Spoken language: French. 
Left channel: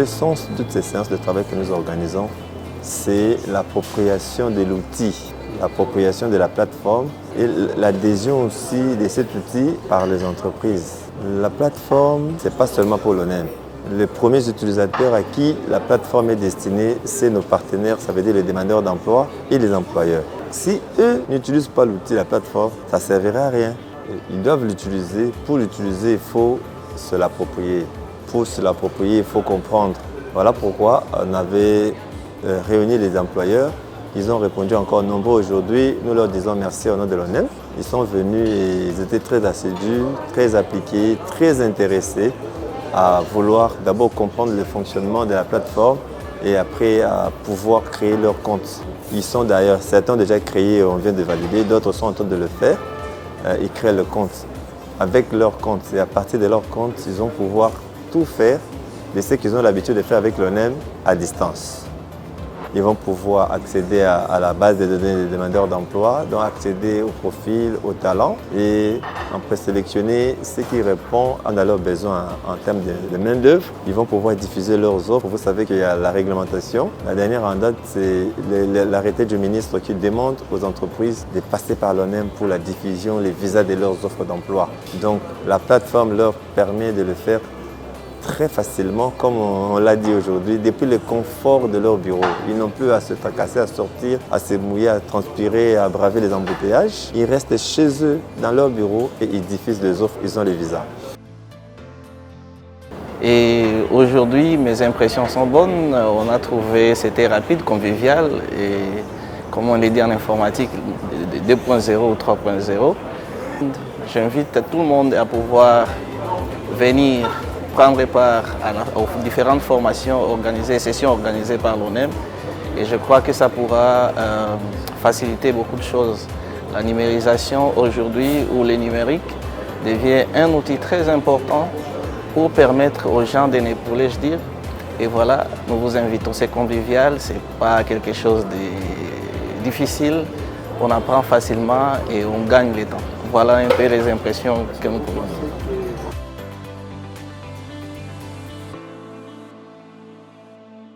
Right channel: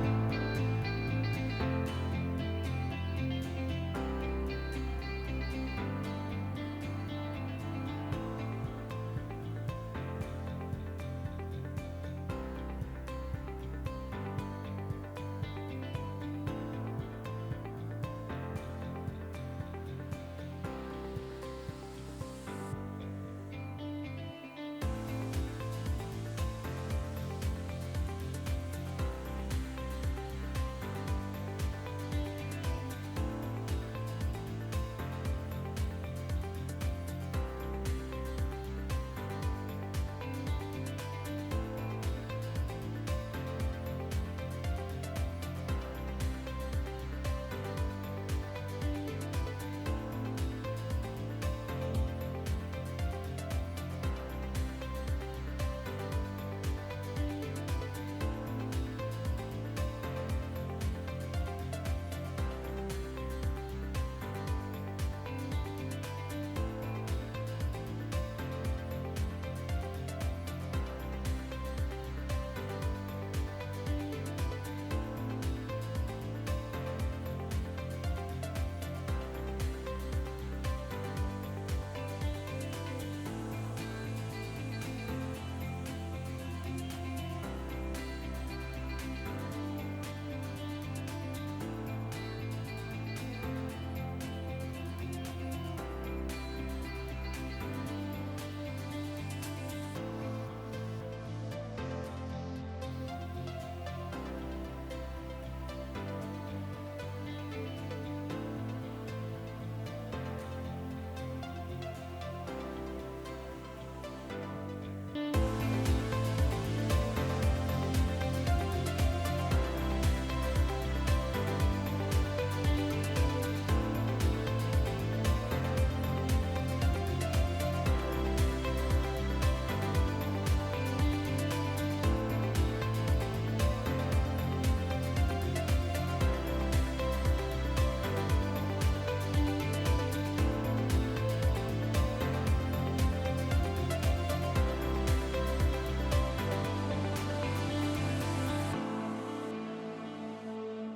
Le sens de toutes ces séances de travail que nous organisons, c'est l'appropriation de l'outil, l'appropriation de la plateforme et l'adhésion aussi de cet outil par les entreprises. La plateforme, ce n'est pas seulement pour l'ONEM. Les premiers utilisateurs à qui la plateforme est destinée, c'est nos partenaires, ça veut dire les demandeurs d'emploi et les employeurs. Si eux n'utilisent pas l'outil, la plateforme, ça ne servira à rien. Ils doivent l'utiliser. Pour l'utiliser, il faut se l'approprier. Pour se l'approprier, il faut comprendre. Voilà pourquoi on avait réuni les employeurs. Ils ont répondu encore nombreux aujourd'hui. Nous leur disons merci au nom de l'ONEM. Ils sont venus et ils étaient très assidus, très appliqués, très intéressés à vouloir d'abord comprendre le fonctionnement de la plateforme et après à pouvoir créer leur compte. Ils sont d'ailleurs, certains ont déjà créé, on vient de valider, d'autres sont en train de le faire. Ils créent le compte. Avec leur compte et à partir de leur compte, ils vont pouvoir tout faire de ce qu'ils ont l'habitude de faire avec l'ONEM à distance. Ils vont pouvoir accéder à la base des données des demandeurs d'emploi, donc accéder au profil, au talent et en présélectionner ce qui répond à leurs besoins en termes de main-d'œuvre. Ils vont pouvoir diffuser leurs offres. Vous savez qu'il y a la réglementation. La dernière en date, c'est l'arrêté du ministre qui demande aux entreprises de passer par l'ONEM pour la diffusion, les visas de leurs offres d'emploi. Donc la plateforme leur permet de le faire très facilement, comme on l'a dit aujourd'hui, depuis le confort de leur bureau. Ils n'ont plus à se tracasser, à sortir, à se mouiller, à transpirer, à braver les embouteillages. Ils restent chez eux, dans leur bureau, et ils diffusent les offres, ils ont les visas. Et aujourd'hui, mes impressions sont bonnes. On a trouvé, c'était rapide, convivial, et comme on l'a dit en informatique, 2.0 ou 3.0. J'invite tout le monde à pouvoir venir prendre part aux différentes formations organisées, sessions organisées par l'ONEM. Et je crois que ça pourra faciliter beaucoup de choses. La numérisation aujourd'hui, ou le numérique, devient un outil très important pour permettre aux gens de n'épauler, je dire. Et voilà, nous vous invitons, c'est convivial, ce n'est pas quelque chose de difficile. On apprend facilement et on gagne le temps. Voilà un peu les impressions que nous pouvons.